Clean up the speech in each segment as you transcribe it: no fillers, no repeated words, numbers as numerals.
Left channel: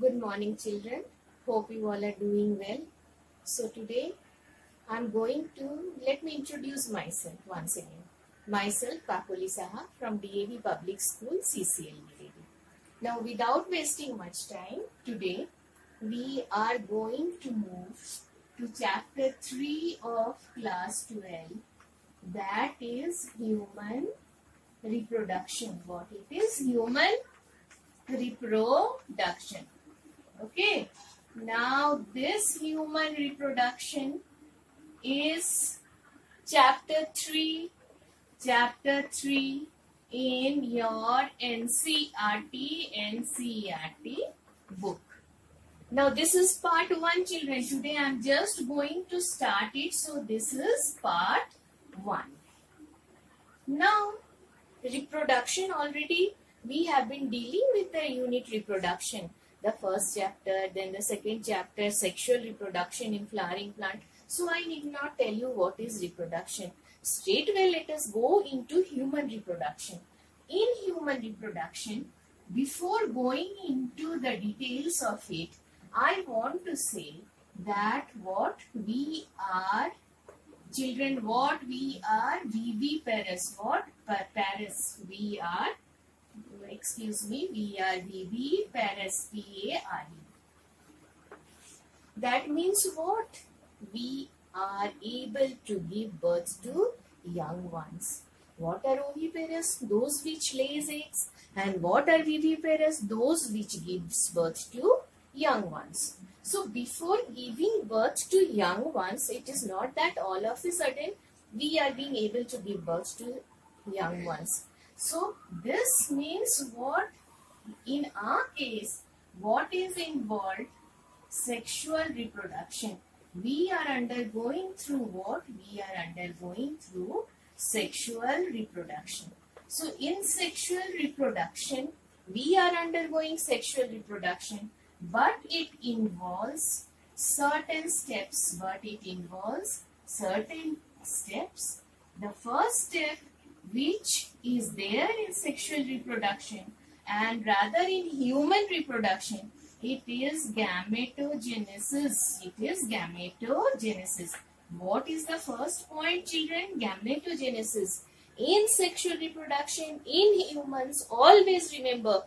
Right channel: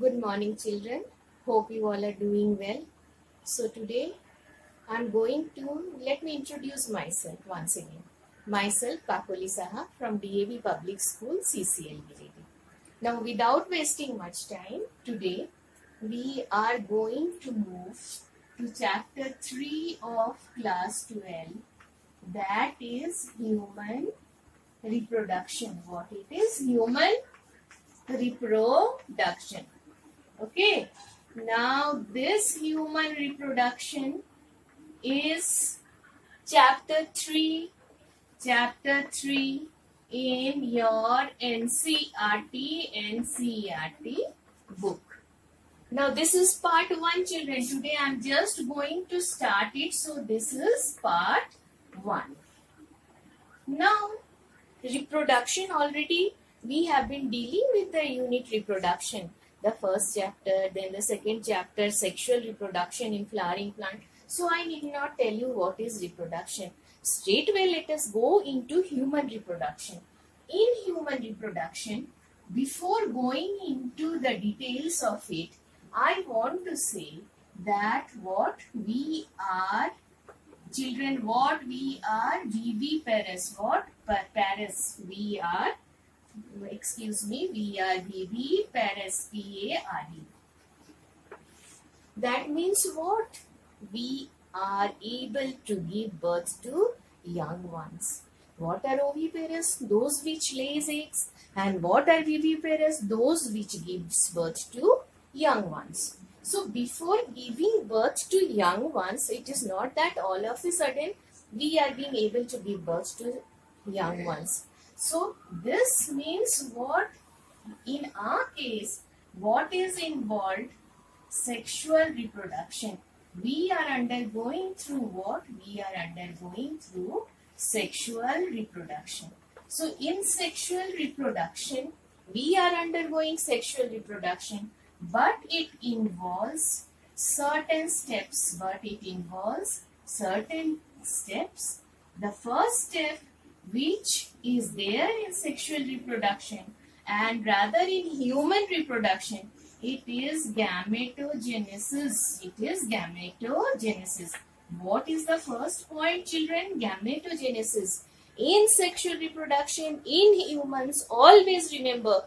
Good morning, children. Hope you all are doing well. So today let me introduce myself once again. Myself, Pakoli Saha from DAV Public School, CCL. Now, without wasting much time, today we are going to move to chapter 3 of class 12. That is human reproduction. What it is? Human reproduction. Okay. Now, this human reproduction is chapter 3 in your NCERT book. Now, this is part 1, children. Today, I am just going to start it. So, this is part 1. Now, reproduction already we have been dealing with the unit reproduction. The first chapter, then the second chapter, sexual reproduction in flowering plant. So I need not tell you what is reproduction. Straightway let us go into human reproduction. In human reproduction, before going into the details of it, I want to say that what we are, children, what we are, viviparous. What parous? We are viviparous, P-A-R-E. That means what? We are able to give birth to young ones. What are oviparous? Those which lays eggs. And what are viviparous? Those which gives birth to young ones. So before giving birth to young ones, it is not that all of a sudden we are being able to give birth to young ones. So this means what? In our case, what is involved? Sexual reproduction. We are undergoing through what? We are undergoing through sexual reproduction. So in sexual reproduction, we are undergoing sexual reproduction, but it involves certain steps. The first step, which is there in sexual reproduction and rather in human reproduction, it is gametogenesis. What is the first point, children? Gametogenesis. In sexual reproduction, in humans, always remember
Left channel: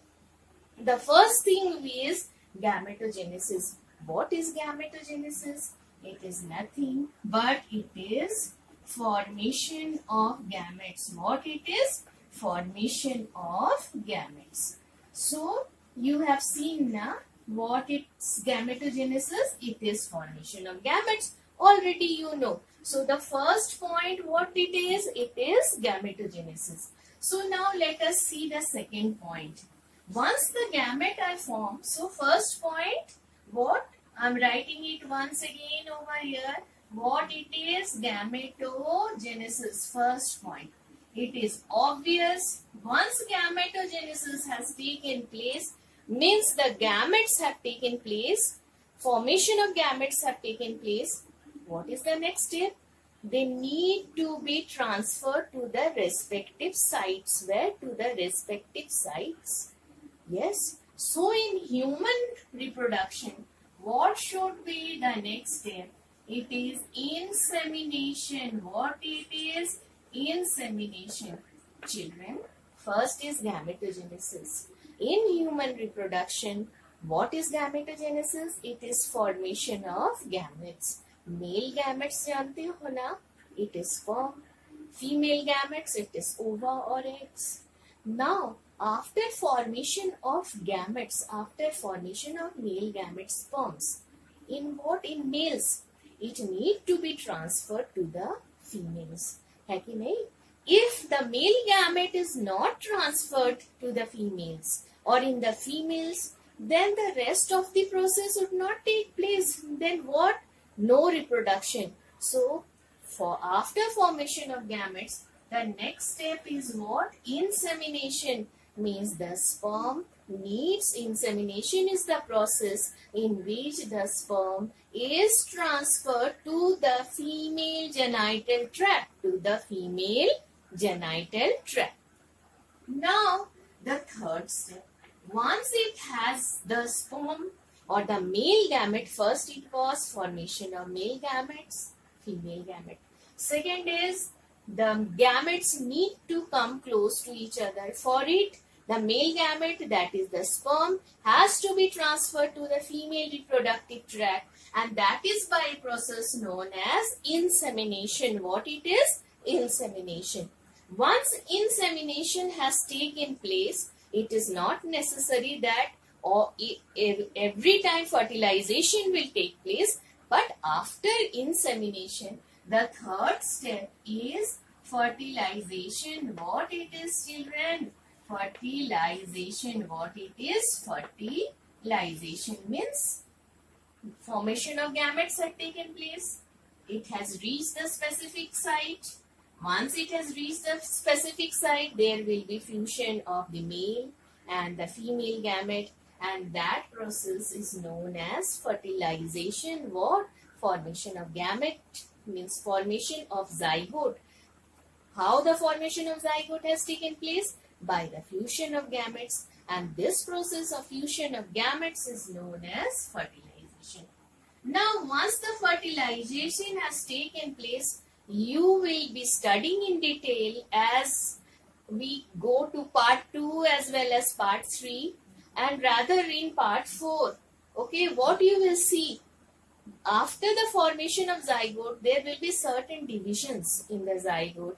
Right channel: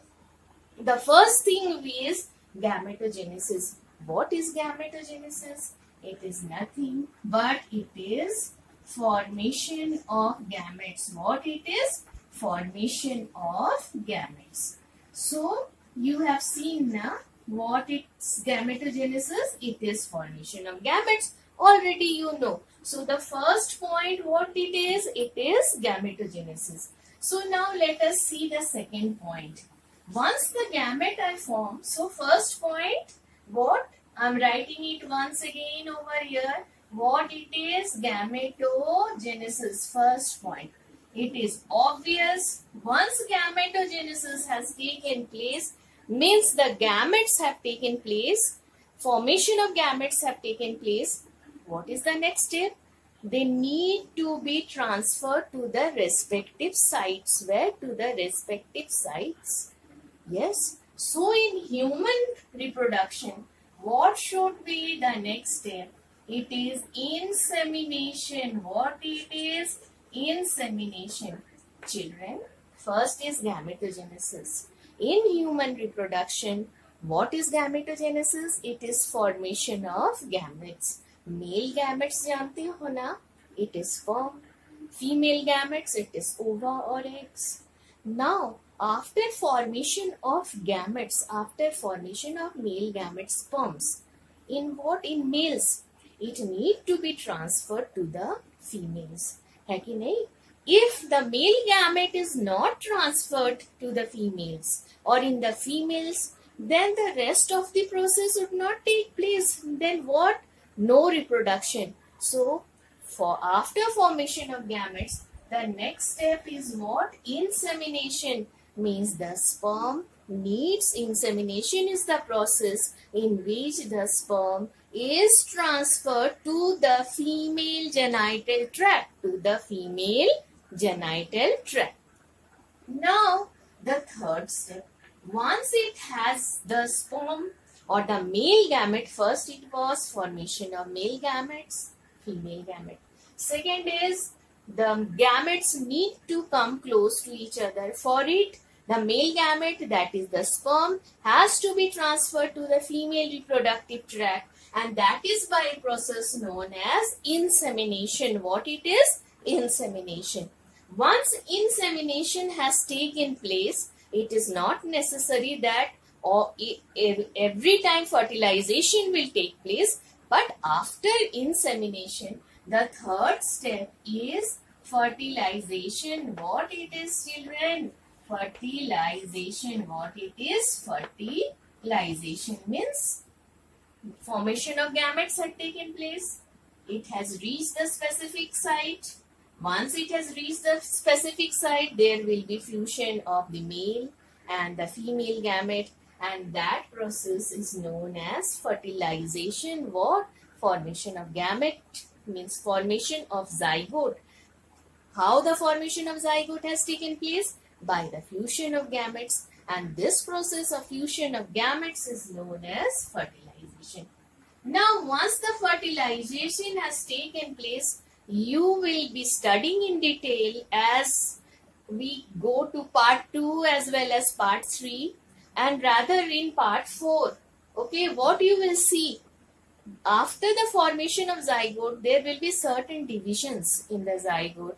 the first thing is gametogenesis. What is gametogenesis? It is nothing but it is formation of gametes. What it is? Formation of gametes. So, you have seen now what it's gametogenesis. It is formation of gametes. Already you know. So, the first point what it is? It is gametogenesis. So, now let us see the second point. Once the gamete are formed, so first point, what? I am writing it once again over here. What it is? Gametogenesis. First point. It is obvious. Once gametogenesis has taken place, means the gametes have taken place. Formation of gametes have taken place. What is the next step? They need to be transferred to the respective sites. Where? To the respective sites. Yes. So in human reproduction, what should be the next step? It is insemination. What it is? Insemination. Children, first is gametogenesis. In human reproduction, what is gametogenesis? It is formation of gametes. Male gametes जानते हो ना? It is sperm. Female gametes, it is ova or eggs. Now, after formation of gametes, after formation of male gametes, sperms, in what? In males, it need to be transferred to the females. है कि नहीं? If the male gamete is not transferred to the females or in the females, then the rest of the process would not take place. Then what? No reproduction. So, after formation of gametes, the next step is what? Insemination. Means the sperm needs insemination is the process in which the sperm is transferred to the female genital tract. Now, the third step. Once it has the sperm or the male gamete, first it was formation of male gametes, female gamete. Second is the gametes need to come close to each other. For it, the male gamete, that is the sperm, has to be transferred to the female reproductive tract, and that is by a process known as insemination. What it is? Insemination. Once insemination has taken place, it is not necessary that every time fertilization will take place, but after insemination, the third step is fertilization. What it is, children? Fertilization. What it is? Fertilization means formation of gametes had taken place. It has reached the specific site. Once it has reached the specific site, there will be fusion of the male and the female gamete, and that process is known as fertilization. What? Formation of gamete means formation of zygote. How the formation of zygote has taken place? By the fusion of gametes, and this process of fusion of gametes is known as fertilization. Now, once the fertilization has taken place, you will be studying in detail as we go to part 2 as well as part 3, and rather in part 4. Okay, what you will see? After the formation of zygote, there will be certain divisions in the zygote,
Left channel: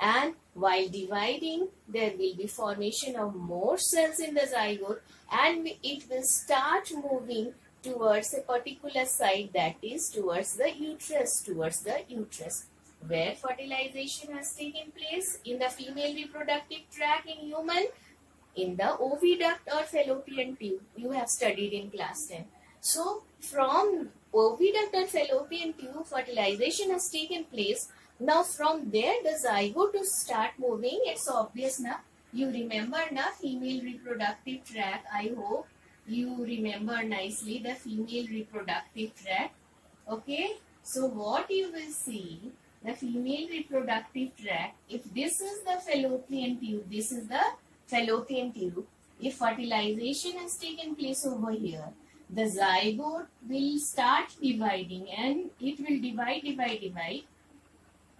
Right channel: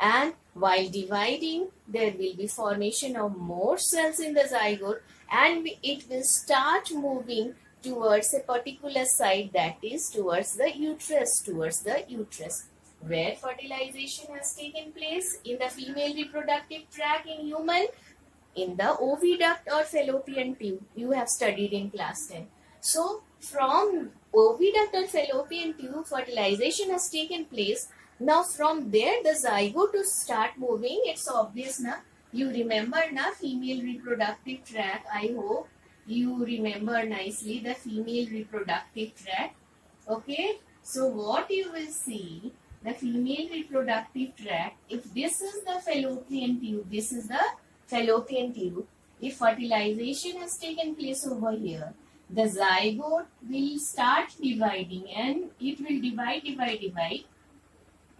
and while dividing, there will be formation of more cells in the zygote, and it will start moving towards a particular side, that is towards the uterus, where fertilization has taken place in the female reproductive tract in human, in the oviduct or fallopian tube. You have studied in class 10. So, from oviduct or fallopian tube, fertilization has taken place. Now, from there, the zygote to start moving. It's obvious, na? You remember, na? Female reproductive tract. I hope you remember nicely the female reproductive tract. Okay. So, what you will see, the female reproductive tract, if this is the fallopian tube, this is the fallopian tube. If fertilization has taken place over here, the zygote will start dividing, and it will divide,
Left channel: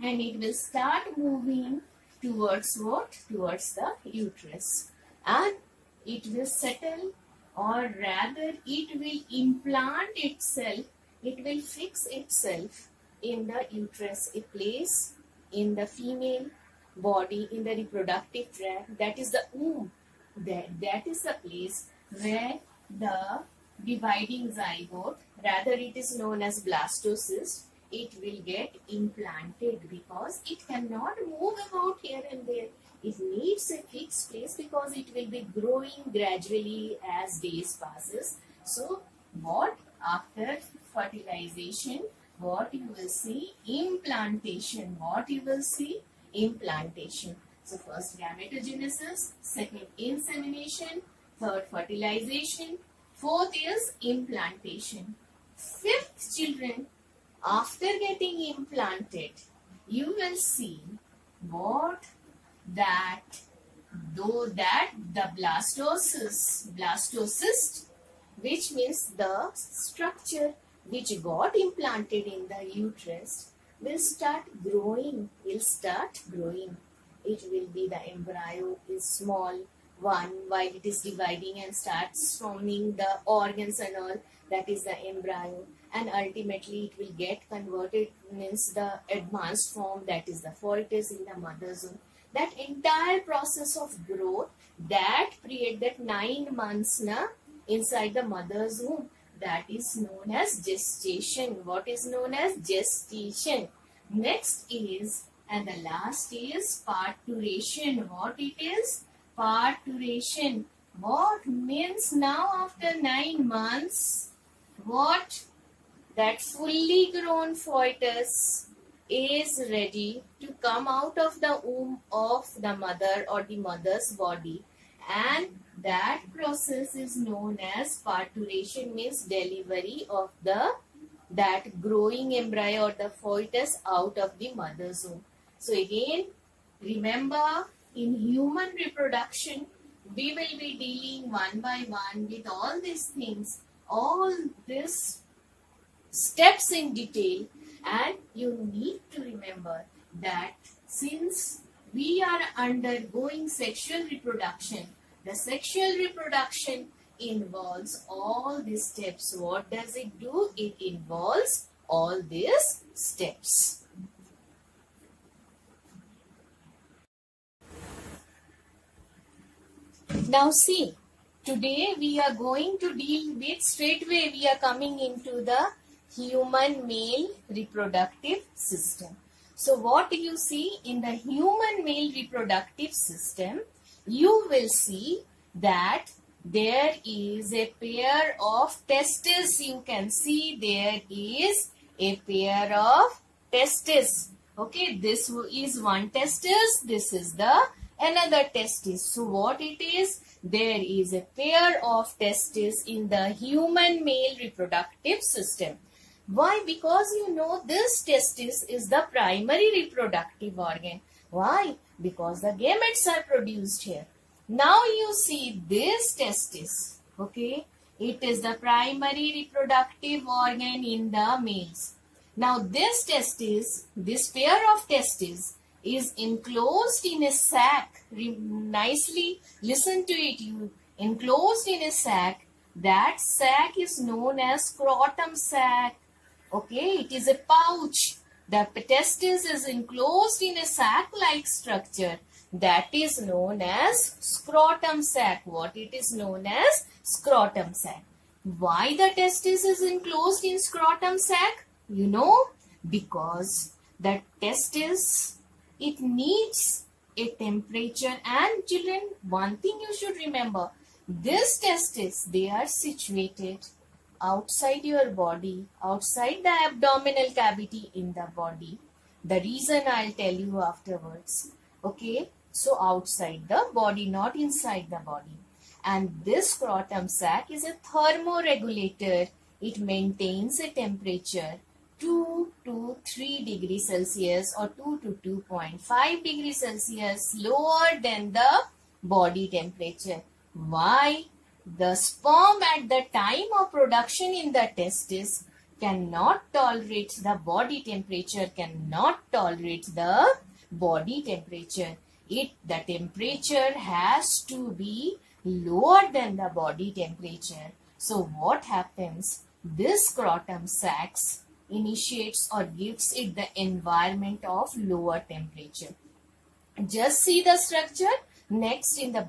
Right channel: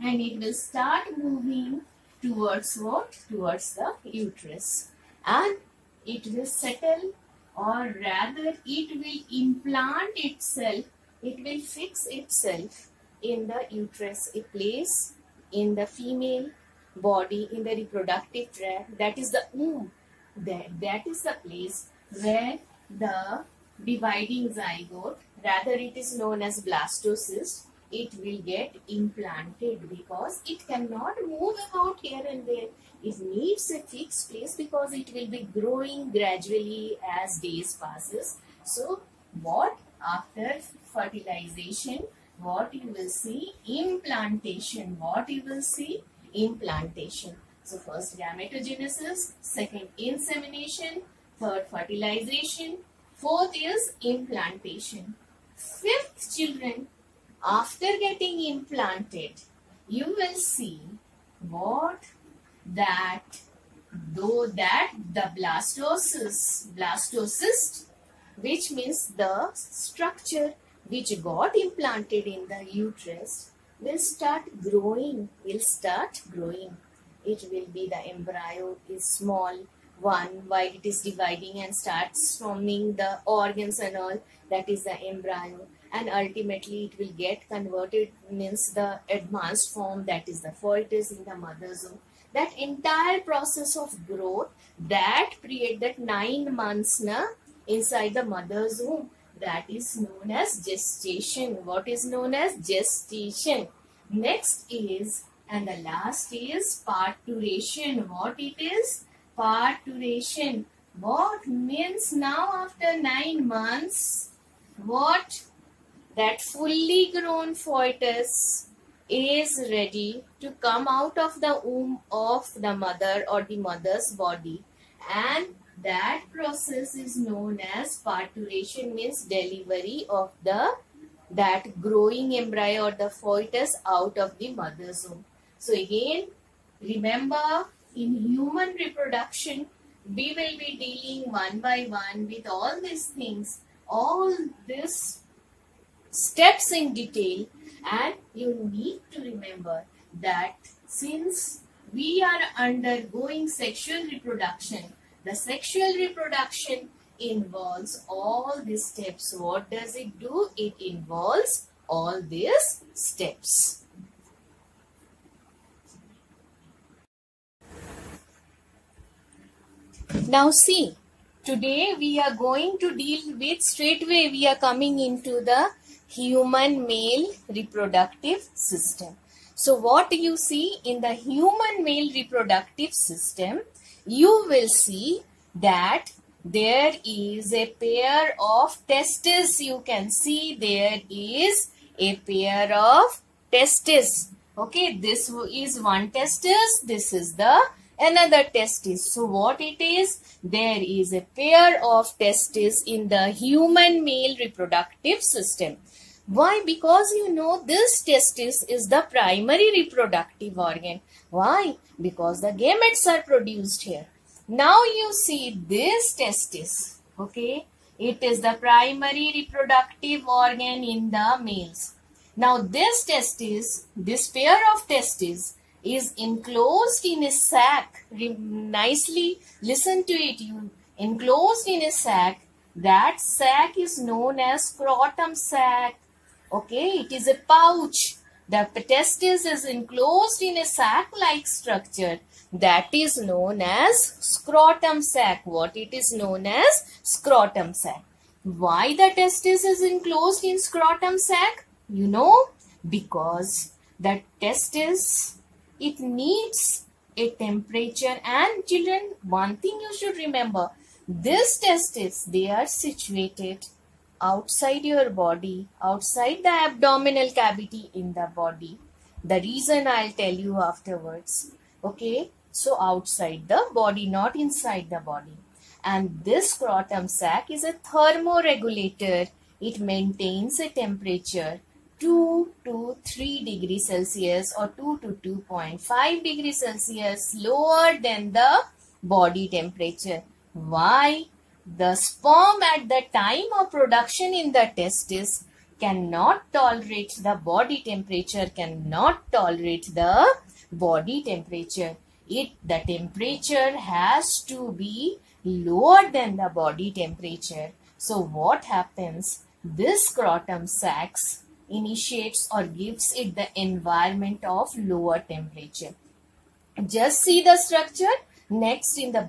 and it will start moving towards what? Towards the uterus. And it will settle, or rather it will implant itself, it will fix itself in the uterus, a place in the female body, in the reproductive tract, that is the womb. That is the place where the dividing zygote, rather it is known as blastocyst, it will get implanted, because it cannot move about here and there. It needs a fixed place because it will be growing gradually as days passes. So, what? After fertilization, what you will see? Implantation. What you will see? Implantation. So, first gametogenesis, second insemination, third fertilization, fourth is implantation. Fifth, children, after getting implanted, you will see what? That the blastocyst, which means the structure which got implanted in the uterus, will start growing. It will be, the embryo is small one, while it is dividing and starts forming the organs and all, that is the embryo, and ultimately it will get converted, means the advanced form, that is the fetus in the mother's womb. That entire process of growth, that period, that 9 months inside the mother's womb, that is known as gestation. What is known as gestation? Next is, and the last is parturition. What it is? Parturition. What means? Now after 9 months, what? That fully grown fetus is ready to come out of the womb of the mother or the mother's body, and that process is known as parturition, means delivery of that growing embryo or the fetus out of the mother's womb. So again, remember, in human reproduction, we will be dealing one by one with all these things, all these steps in detail, and you need to remember that since we are undergoing sexual reproduction, the sexual reproduction involves all these steps. What does it do? It involves all these steps. Now see, today we are going to deal with, straightway we are coming into the human male reproductive system. So what you see in the human male reproductive system, you will see that there is a pair of testes. You can see there is a pair of testes. Okay, this is one testis, this is the another testis. So what it is? There is a pair of testes in the human male reproductive system. Why? Because you know this testis is the primary reproductive organ. Why? Because the gametes are produced here. Now you see this testis. Okay, it is the primary reproductive organ in the males. Now this testis, this pair of testes is enclosed in a sac. Nicely listen to it. You enclosed in a sac. That sac is known as scrotum sac. Okay, it is a pouch. The testis is enclosed in a sac-like structure. That is known as scrotum sac. What it is known as? Scrotum sac. Why the testis is enclosed in scrotum sac? You know, because the testis, it needs a temperature. And children, one thing you should remember, this testis, they are situated outside your body, outside the abdominal cavity in the body. The reason I'll tell you afterwards. Okay, so outside the body, not inside the body. And this scrotum sac is a thermoregulator. It maintains a temperature 2 to 3 degrees Celsius or 2 to 2.5 degrees Celsius lower than the body temperature. Why? The sperm at the time of production in the testis cannot tolerate the body temperature, cannot tolerate the body temperature. The temperature has to be lower than the body temperature. So what happens? This scrotum sacs initiates or gives it the environment of lower temperature. Just see the structure. Next in the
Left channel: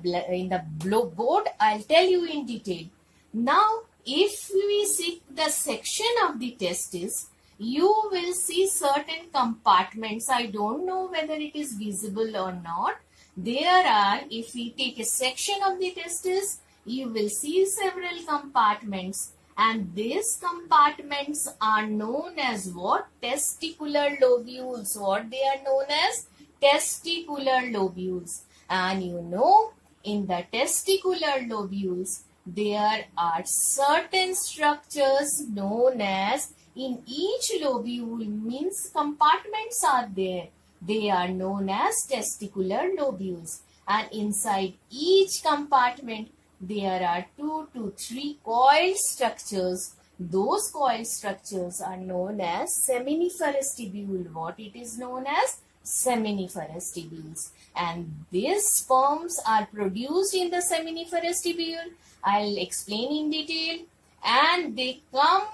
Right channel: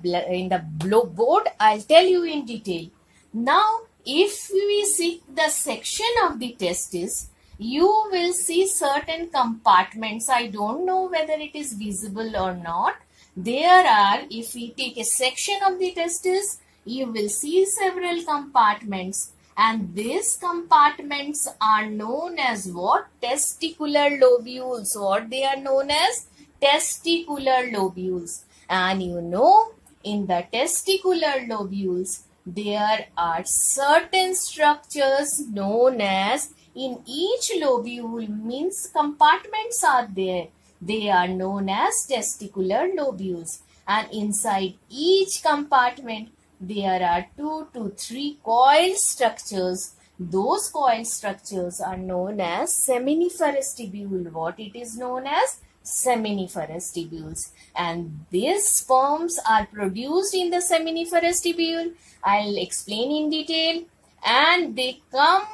board, I'll tell you in detail. Now, if we see the section of the testis, you will see certain compartments. I don't know whether it is visible or not. There are, if we take a section of the testis, you will see several compartments. And these compartments are known as what? Testicular lobules. What they are known as? Testicular lobules. And you know, in the testicular lobules, there are certain structures known as, in each lobule, means compartments are there. They are known as testicular lobules. And inside each compartment, there are 2 to 3 coiled structures. Those coiled structures are known as seminiferous tubule. What it is known as? Seminiferous tubules. And these sperms are produced in the seminiferous tubule. I'll explain in detail. And they come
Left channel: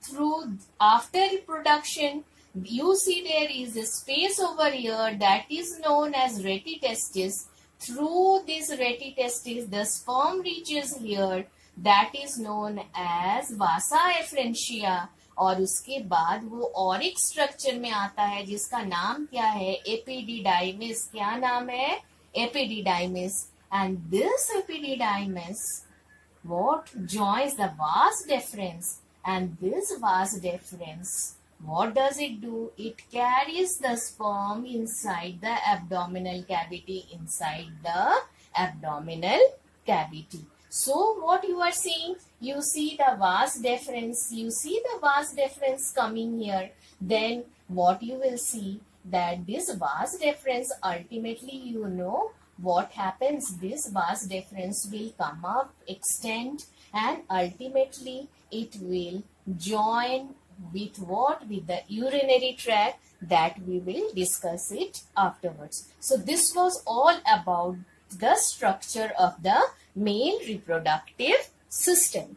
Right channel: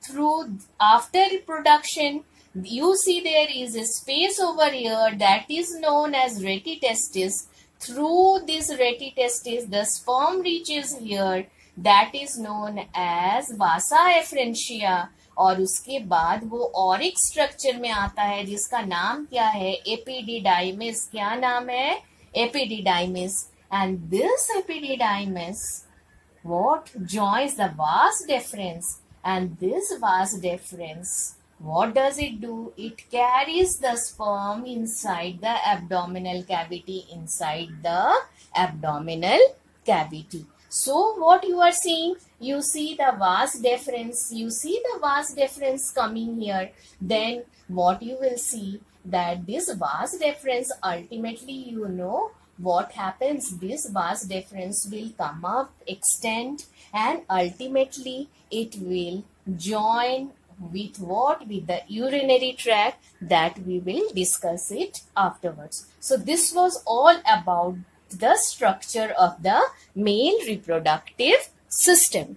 through after reproduction. You see there is a space over here that is known as retitestis. Through this retitestis, the sperm reaches here. That is known as vasa efferentia. और उसके बाद वो Auric structure में आता है जिसका नाम क्या है? एपिडिडाइमिस. क्या नाम है? Epididymis. And this epididymis, what joins the vas deferens, and this vas deferens, what does it do? It carries the sperm inside the abdominal cavity, So what you are seeing? You see the vas deferens. You see the vas deferens coming here. Then what you will see? That this vas deferens ultimately, you know, what happens? This vas deferens will come up, extend, and ultimately it will join with what? With the urinary tract, that we will discuss it afterwards. So this was all about the structure of the male reproductive system.